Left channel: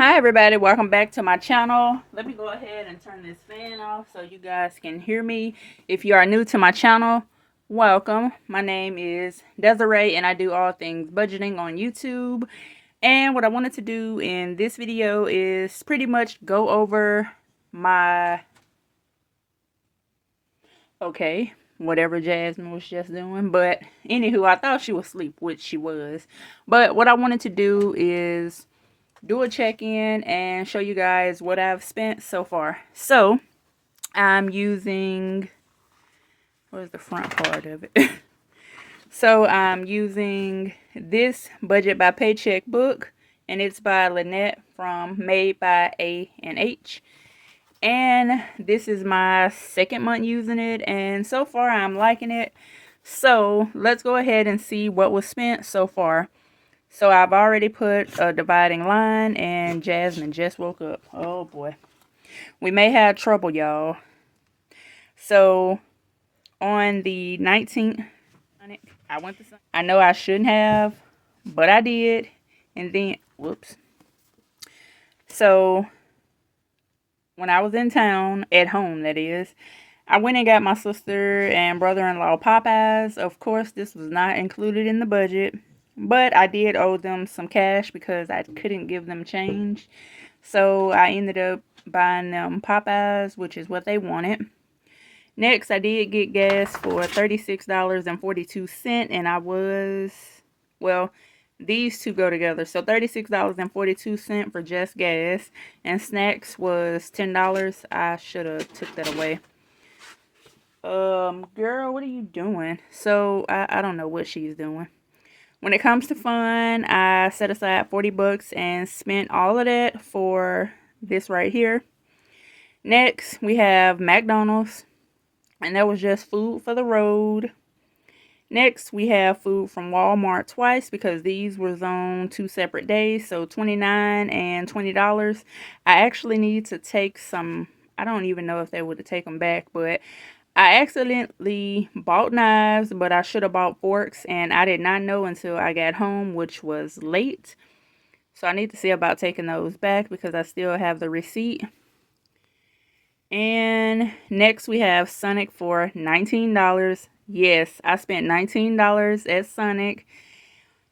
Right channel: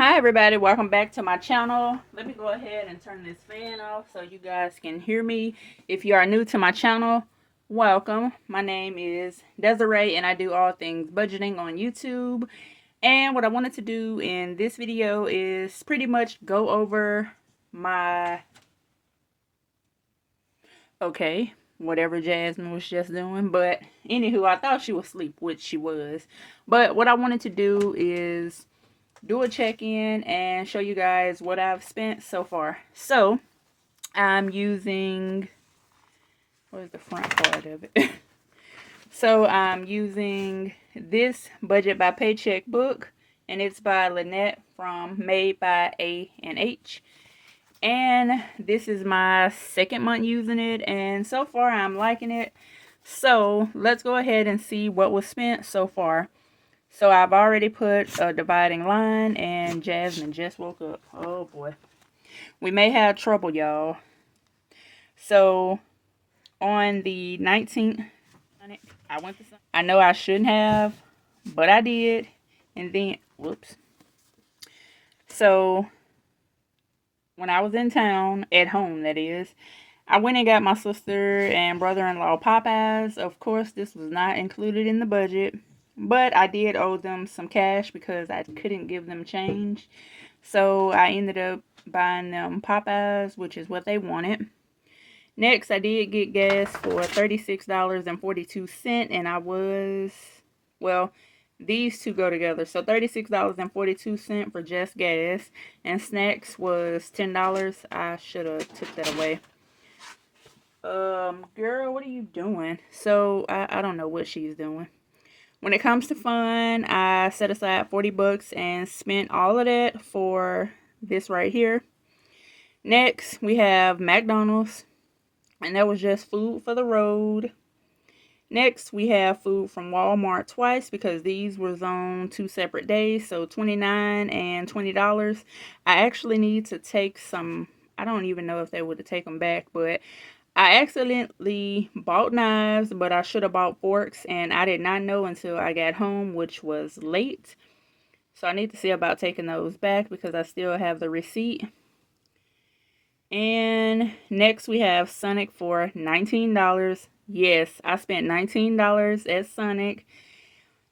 Hi everybody, welcome back to my channel. Let me go ahead and turn this fan off so you guys can hear me. If you are new to my channel, welcome. My name is Desiree and I do all things budgeting on YouTube. And what I wanted to do in this video is pretty much go over my whatever Jasmine was just doing. But anywho, I thought she was asleep, which she was. But what I wanted to do is do a check-in and show you guys what I've spent so far. So I'm using, where's the front part of it? So I'm using this Budget by Paycheck book, and it's by Lynette from Made by A&H. And this is my second month using it, and so far I'm liking it. So let's go ahead and see what was spent so far. So I've already put a dividing line, and Jasmine just woke up. Oh boy. We may have trouble, y'all. So on the 19th, I know I shouldn't have, but I did. And then, whoops. So when I was in town, at home that is, I went and got my sister and brother-in-law Popeyes. Of course, this was not included in the budget. But I did owe them some cash because I couldn't give them change. So I ended up buying them Popeyes, which is what they wanted. Next, I did get gas for $36.42. And I was, well, these two go together. So $36.42 for just gas. And snacks was $10. I should have took that away. Girl, what are you doing? So I don't know what she's doing. When it comes to fun, I set aside 40 bucks and spent all of that for this right here. Next, we have McDonald's, and that was just food for the road. Next, we have food from Walmart twice because these was on 2 separate days, so $29 and $20. I actually need to take some, I don't even know if they would take them back, but I accidentally bought knives, but I should have bought forks, and I did not know until I got home, which was late. So I need to see about taking those back because I still have the receipt. And next we have Sonic for $19. Yes, I spent $19 at Sonic,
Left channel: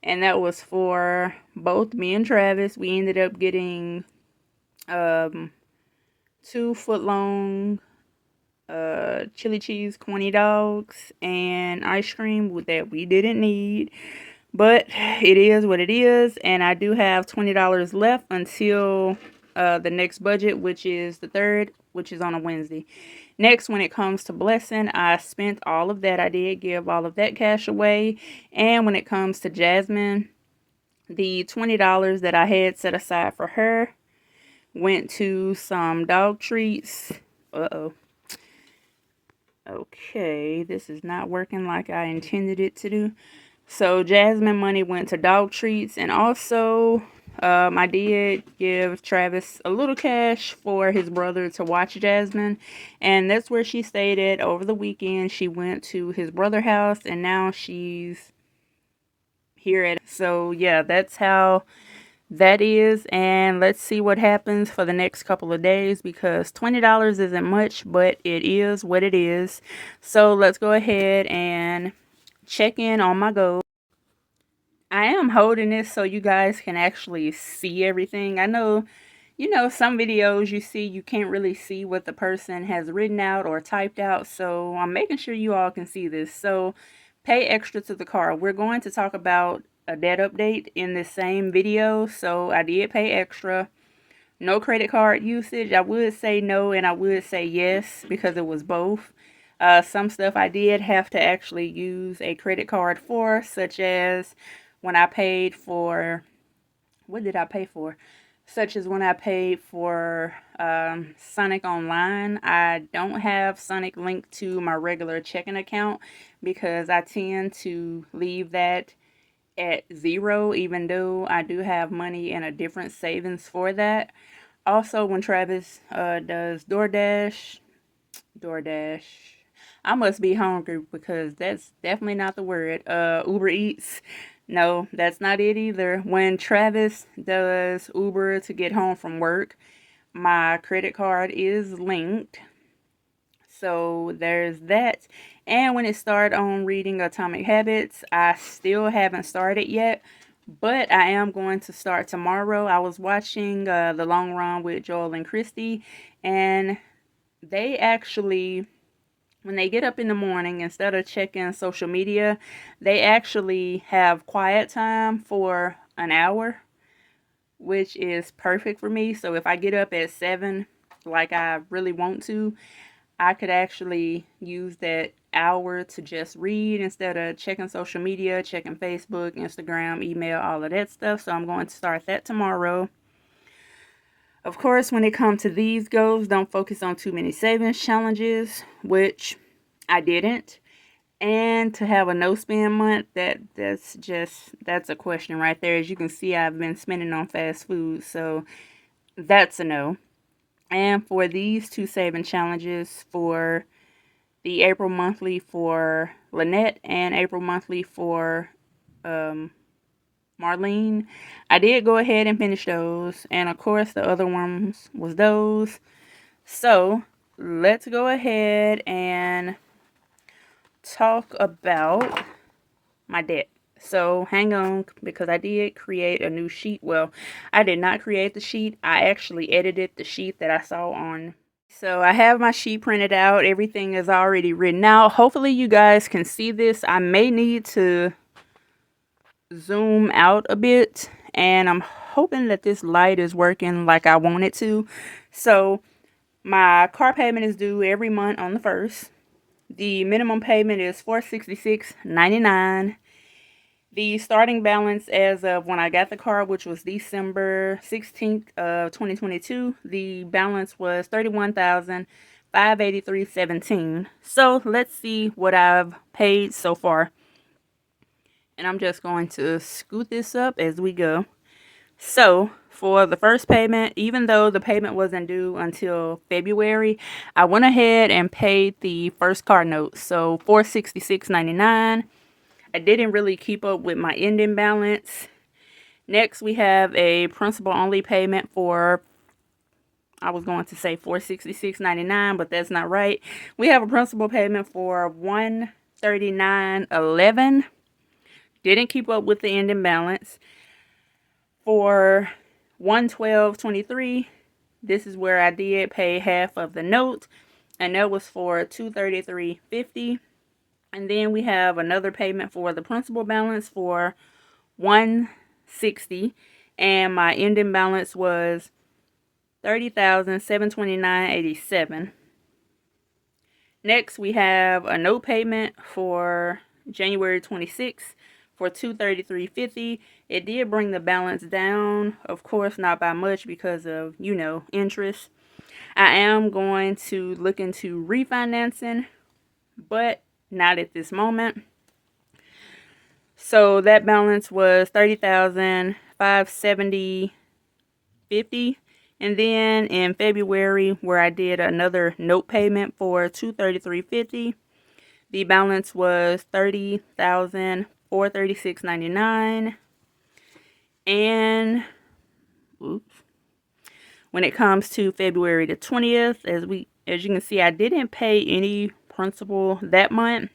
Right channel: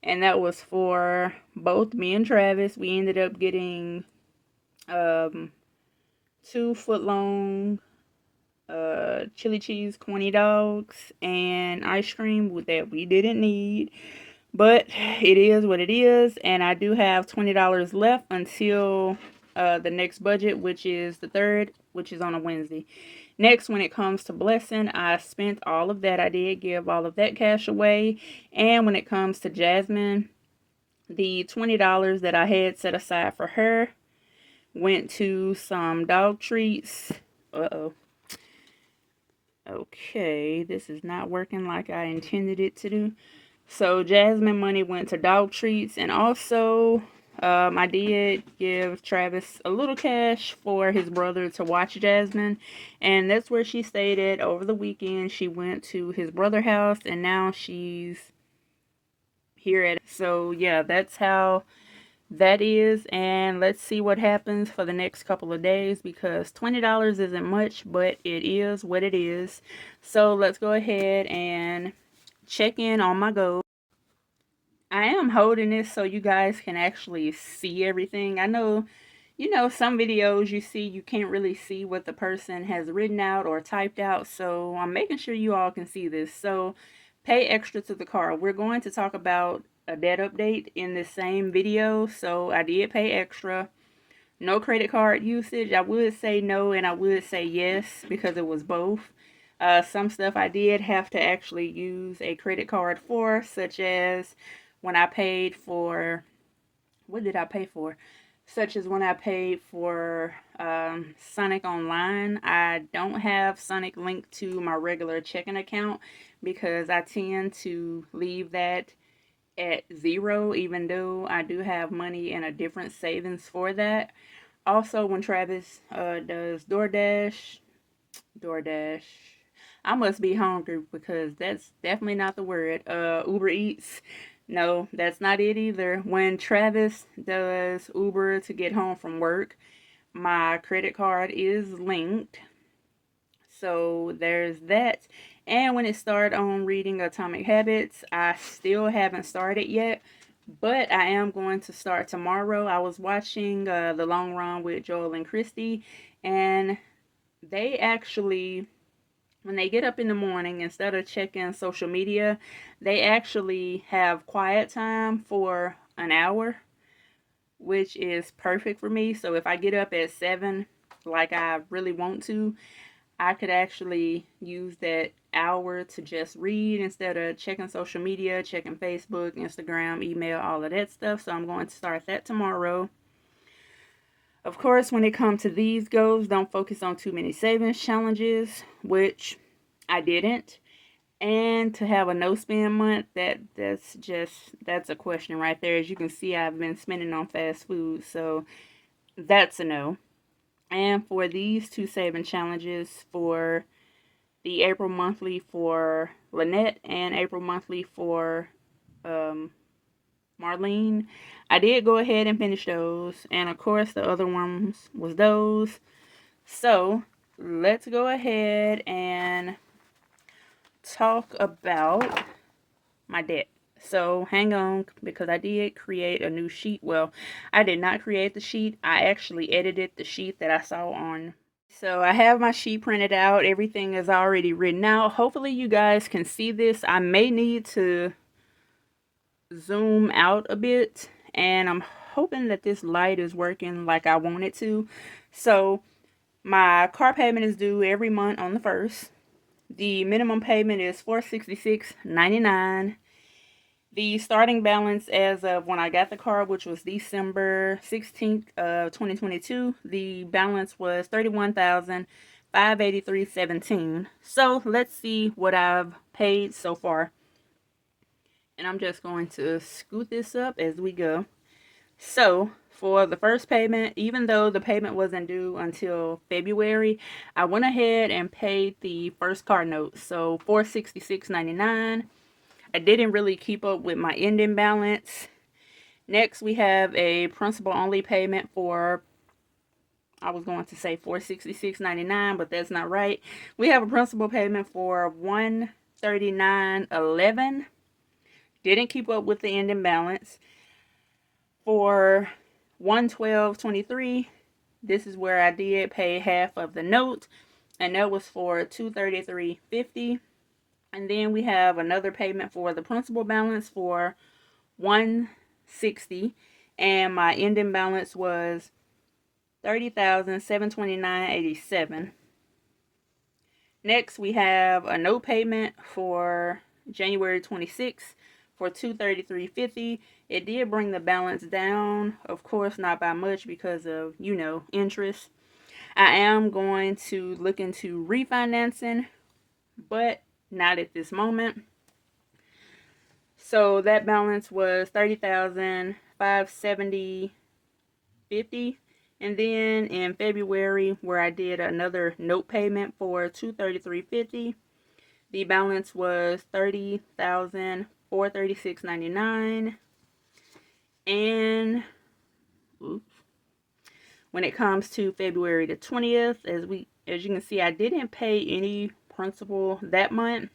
and that was for both me and Travis. We ended up getting 2 foot-long chili cheese corny dogs and ice cream that we didn't need, but it is what it is. And I do have $20 left until the next budget, which is the 3rd, which is on a Wednesday. Next, when it comes to blessing, I spent all of that. I did give all of that cash away. And when it comes to Jasmine, the $20 that I had set aside for her went to some dog treats. Okay, this is not working like I intended it to do. So Jasmine money went to dog treats, and also I did give Travis a little cash for his brother to watch Jasmine, and that's where she stayed at over the weekend. She went to his brother's house, and now she's here at. So yeah, that's how that is. And let's see what happens for the next couple of days, because $20 isn't much, but it is what it is. So let's go ahead and check in on my goals. I am holding this so you guys can actually see everything. I know, some videos you can't really see what the person has written out or typed out, so I'm making sure you all can see this. So pay extra to the card. We're going to talk about a debt update in this same video, so I did pay extra. No credit card usage. I would say no and I would say yes because it was both. Some stuff I did have to actually use a credit card for, such as when I paid for, what did I pay for? Such as when I paid for Sonic Online. I don't have Sonic linked to my regular checking account because I tend to leave that at 0, even though I do have money in a different savings for that. Also, when Travis does DoorDash, I must be hungry because that's definitely not the word. Uber Eats. No, that's not it either. When Travis does Uber to get home from work, my credit card is linked. So there's that. And when it started on reading Atomic Habits, I still haven't started yet, but I am going to start tomorrow. I was watching The Long Run with Joel and Christy, and they actually, when they get up in the morning, instead of checking social media, they actually have quiet time for an hour, which is perfect for me. So if I get up at 7, like I really want to, I could actually use that hour to just read instead of checking social media, checking Facebook, Instagram, email, all of that stuff. So I'm going to start that tomorrow. Of course, when it comes to these goals, don't focus on too many savings challenges, which I didn't. And to have a no spend month, that's a question right there. As you can see, I've been spending on fast food, so that's a no. And for these two saving challenges, for the April monthly for Lynette and April monthly for Marlene, I did go ahead and finish those. And of course, the other ones was those. So let's go ahead and talk about my debt. So hang on, because I did create a new sheet. Well, I did not create the sheet. I actually edited the sheet that I saw on. So I have my sheet printed out. Everything is already written out. Hopefully you guys can see this. I may need to zoom out a bit, and I'm hoping that this light is working like I want it to. So my car payment is due every month on the 1st. The minimum payment is $466.99. The starting balance as of when I got the car, which was December 16th of 2022, the balance was $31,583.17. So let's see what I've paid so far. And I'm just going to scoot this up as we go. So for the first payment, even though the payment wasn't due until February, I went ahead and paid the first car note. So $466.99. I didn't really keep up with my ending balance. Next, we have a principal only payment for, I was going to say $466.99, but that's not right. We have a principal payment for $139.11. Didn't keep up with the ending balance. For $112.23, this is where I did pay half of the note, and that was for $233.50. And then we have another payment for the principal balance for $160, and my ending balance was $30,729.87. Next, we have a note payment for January 26th for $233.50. It did bring the balance down, of course, not by much because of, interest. I am going to look into refinancing, but not at this moment. So that balance was $30,570.50. And then in February, where I did another note payment for $233.50, the balance was $30,436.99. And when it comes to February the 20th, as you can see, I didn't pay any principal that month.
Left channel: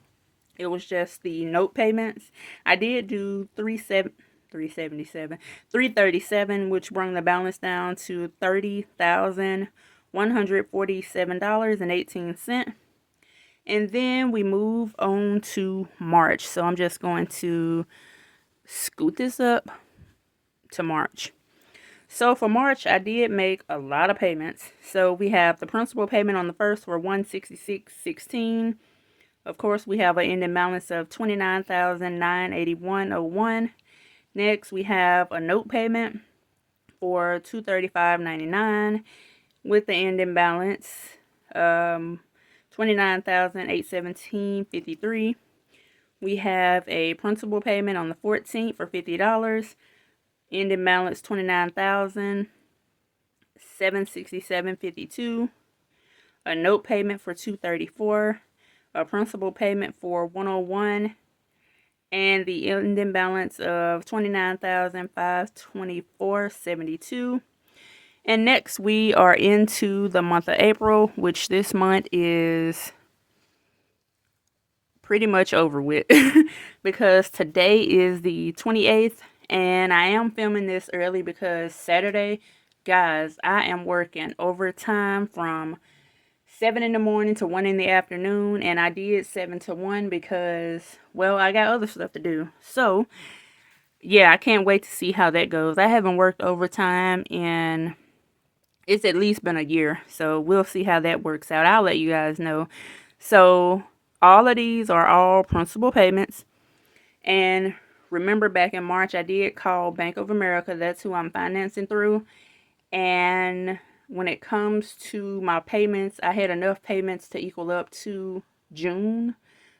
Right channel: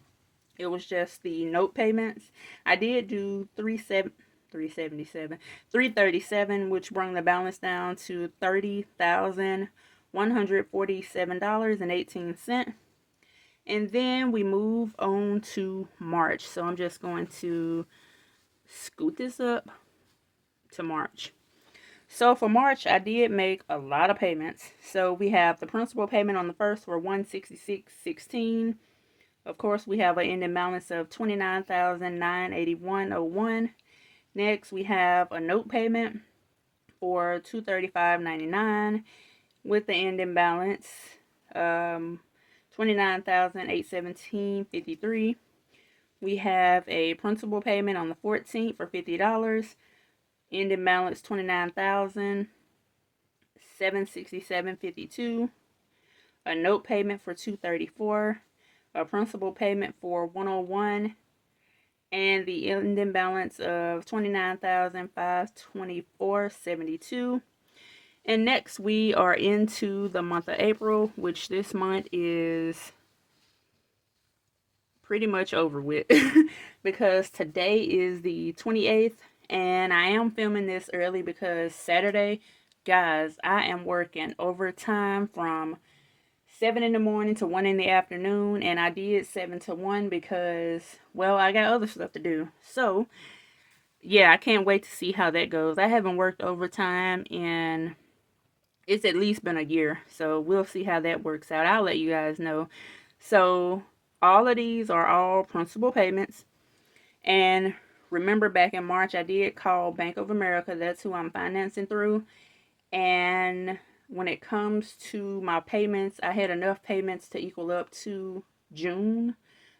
It was just the note payments. I did do $337, which brought the balance down to $30,147.18. And then we move on to March. So I'm just going to scoot this up to March. So for March, I did make a lot of payments. So we have the principal payment on the 1st for $166.16. Of course, we have an ending balance of $29,981.01. Next, we have a note payment for $235.99 with the ending balance $29,817.53. We have a principal payment on the 14th for $50. Ending balance $29,767.52. A note payment for $234. A principal payment for $101. and the ending balance of $29,524.72. And next we are into the month of April, which this month is pretty much over with because today is the 28th, and I am filming this early because Saturday, guys, I am working overtime from 7 in the morning to 1 in the afternoon, and I did 7 to 1 because, well, I got other stuff to do. So yeah, I can't wait to see how that goes. I haven't worked overtime in, it's at least been a year, so we'll see how that works out. I'll let you guys know. So all of these are all principal payments. And remember, back in March, I did call Bank of America. That's who I'm financing through. And when it comes to my payments, I had enough payments to equal up to June.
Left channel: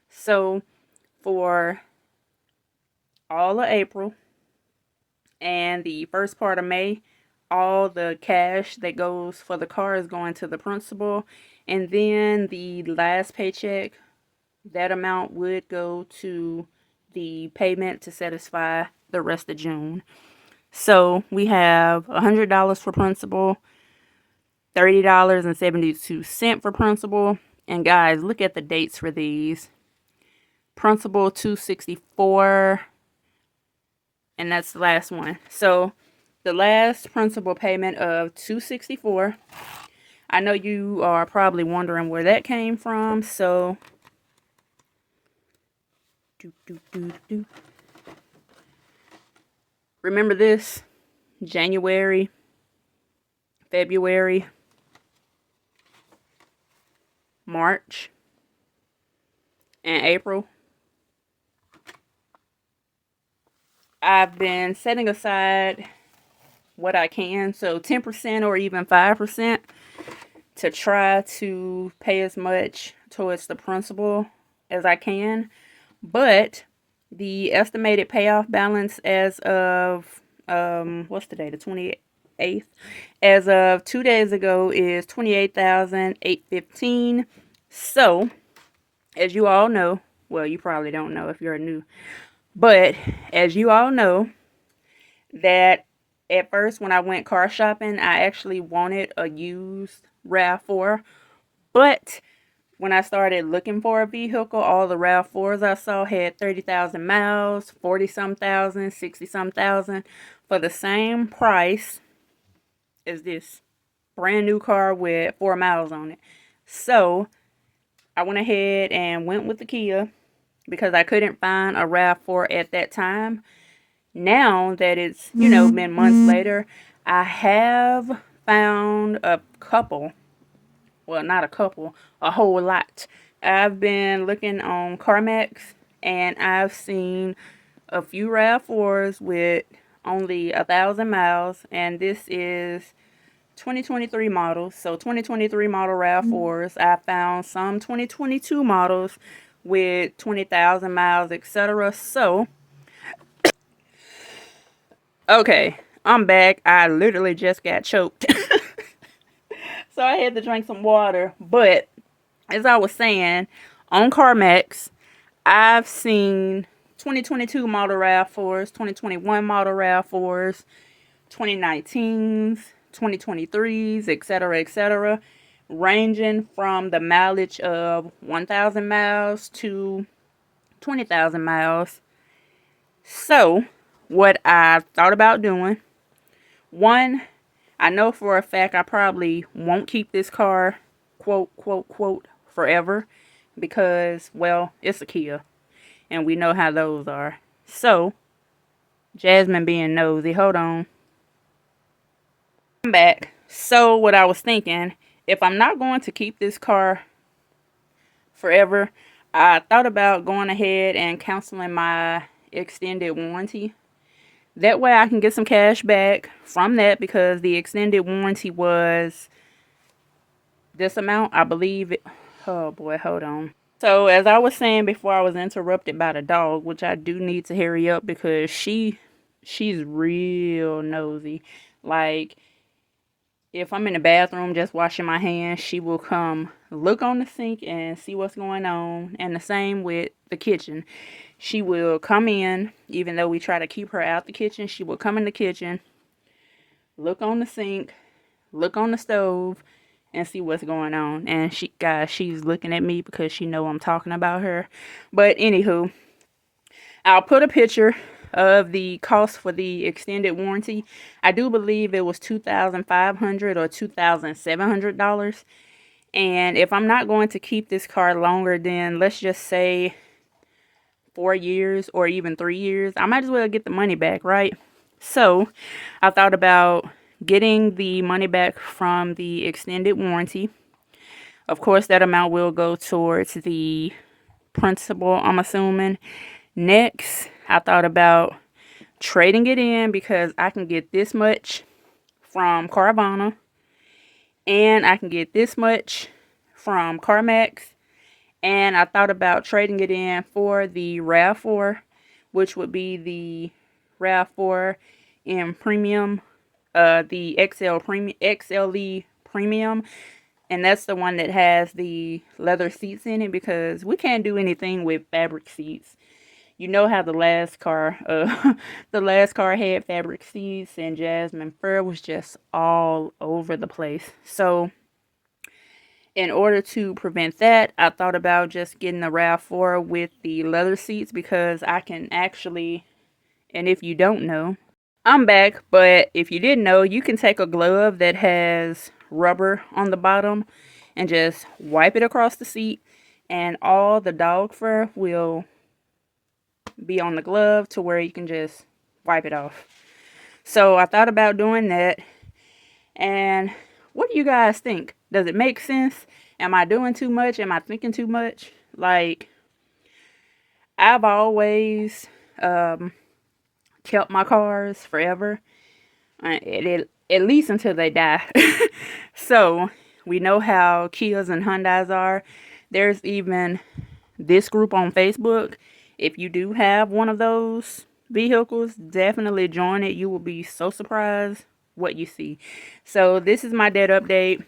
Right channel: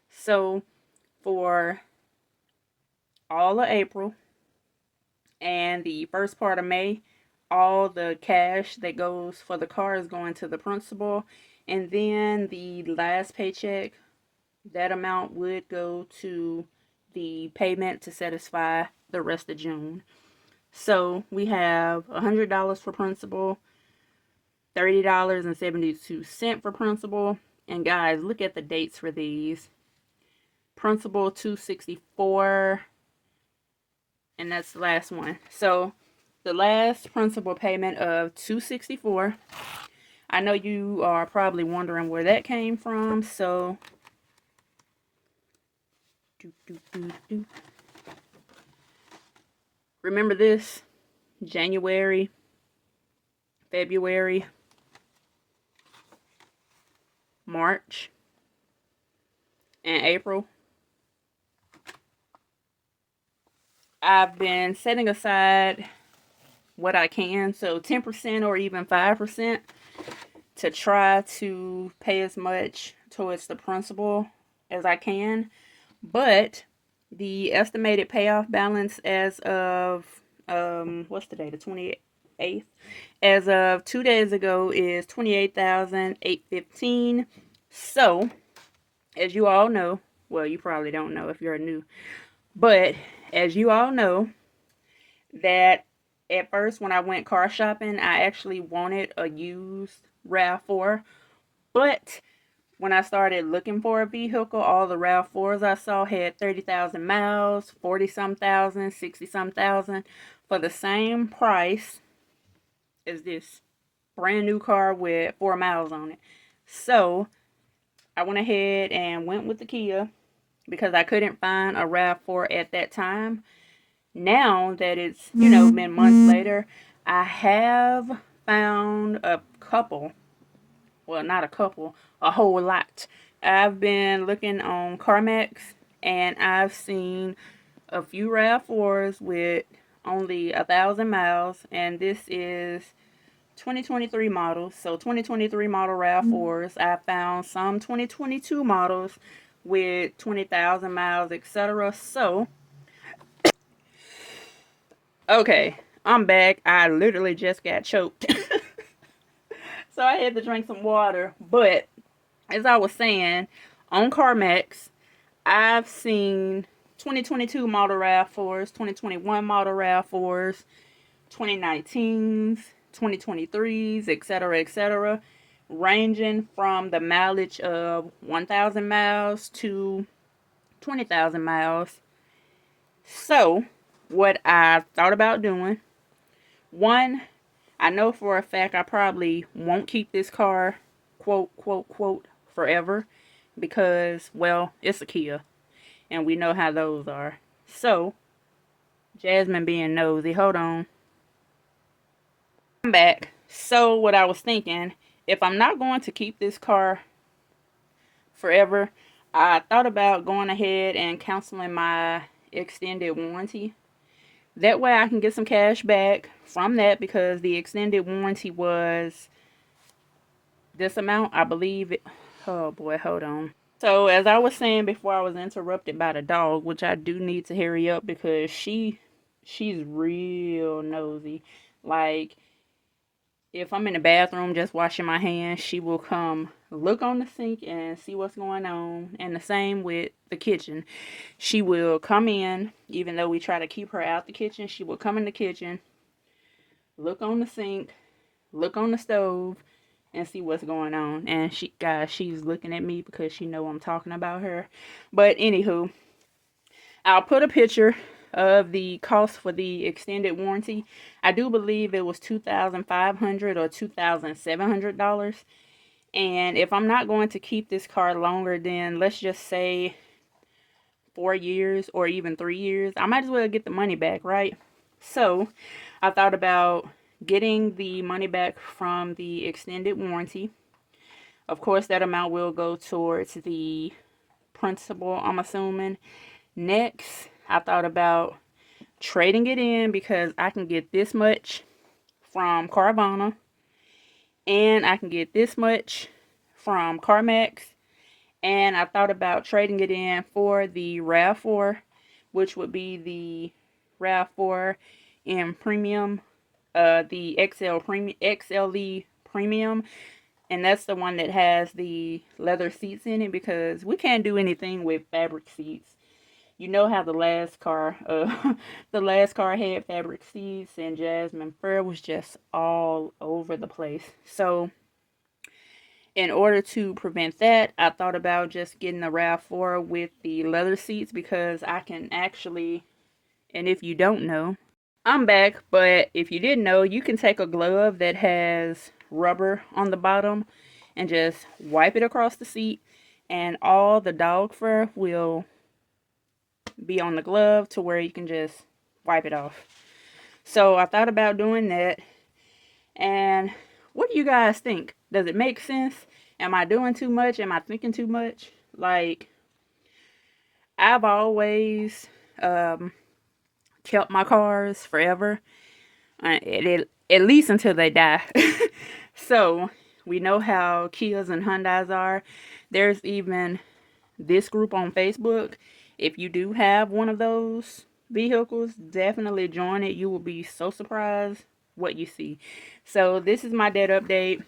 So for all of April and the first part of May, all the cash that goes for the car is going to the principal. And then the last paycheck, that amount would go to the payment to satisfy the rest of June. So we have $100 for principal, $30.72 for principal. And guys, look at the dates for these. Principal $264, and that's the last one. So the last principal payment of $264. I know you are probably wondering where that came from. So remember this: January, February, March, and April. I've been setting aside what I can, so 10% or even 5%, to try to pay as much towards the principal as I can. But the estimated payoff balance as of what's today, the 28th, as of 2 days ago, is $28,815. So as you all know, well, you probably don't know if you're new, but as you all know, that at first when I went car shopping, I actually wanted a used RAV4, but when I started looking for a vehicle, all the RAV4s I saw had 30,000 miles, 40-some thousand, 60-some thousand, for the same price as this brand new car with 4 miles on it. So I went ahead and went with the Kia because I couldn't find a RAV4 at that time. Now that it's, been months later, I have found a couple. Well, not a couple, a whole lot. I've been looking on CarMax, and I've seen a few RAV4s with only 1,000 miles, and this is 2023 models. So 2023 model RAV4s. I found some 2022 models with 20,000 miles, etc. So, okay, I'm back. I literally just got choked. So I had to drink some water. But as I was saying, on CarMax, I've seen 2022 model RAV4s, 2021 model RAV4s, 2019s, 2023s, etc., etc., ranging from the mileage of 1,000 miles to 20,000 miles. So, what I thought about doing, one, I know for a fact I probably won't keep this car, quote, quote, quote, forever, because, well, it's a Kia, and we know how those are. So, Jasmine being nosy, hold on. I'm back. So, what I was thinking, if I'm not going to keep this car forever, I thought about going ahead and canceling my extended warranty. That way I can get some cash back from that, because the extended warranty was this amount, I believe it. Oh boy, hold on. So as I was saying before I was interrupted by the dog, which I do need to hurry up because she's real nosy. Like, if I'm in the bathroom just washing my hands, she will come look on the sink and see what's going on. And the same with the kitchen. She will come in, even though we try to keep her out the kitchen, she will come in the kitchen, look on the sink, look on the stove, and see what's going on. And she's looking at me because she know I'm talking about her. But anywho, I'll put a picture of the cost for the extended warranty. I do believe it was $2,500 or $2,700. And if I'm not going to keep this car longer than, let's just say, 4 years or even 3 years, I might as well get the money back, right? So I thought about getting the money back from the extended warranty. Of course, that amount will go towards the principal, I'm assuming. Next, I thought about trading it in because I can get this much from Carvana and I can get this much from CarMax. And I thought about trading it in for the RAV4, which would be the RAV4 in premium, the XLE premium. And that's the one that has the leather seats in it, because we can't do anything with fabric seats. You know how the last car had fabric seats, and Jasmine fur was just all over the place. So in order to prevent that, I thought about just getting the RAV4 with the leather seats, because I can actually, and if you don't know, I'm back, but if you didn't know, you can take a glove that has rubber on the bottom and just wipe it across the seat, and all the dog fur will be on the glove to where you can just wipe it off. So I thought about doing that. And what do you guys think? Does it make sense? Am I doing too much? Am I thinking too much? Like, I've always kept my cars forever, at least until they die. So we know how Kias and Hyundais are. There's even this group on Facebook. If you do have one of those vehicles, definitely join it. You will be so surprised what you see. So this is my debt update.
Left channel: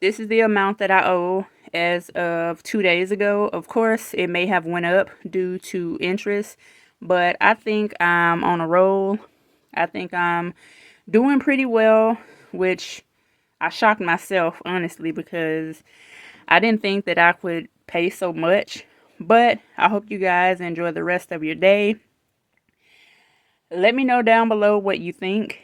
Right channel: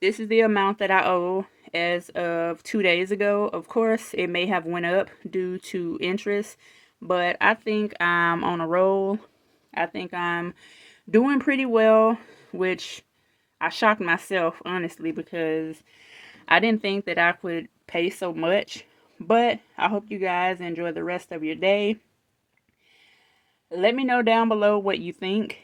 This is the amount that I owe as of 2 days ago. Of course, it may have went up due to interest, but I think I'm on a roll. I think I'm doing pretty well, which I shocked myself, honestly, because I didn't think that I could pay so much. But I hope you guys enjoy the rest of your day. Let me know down below what you think.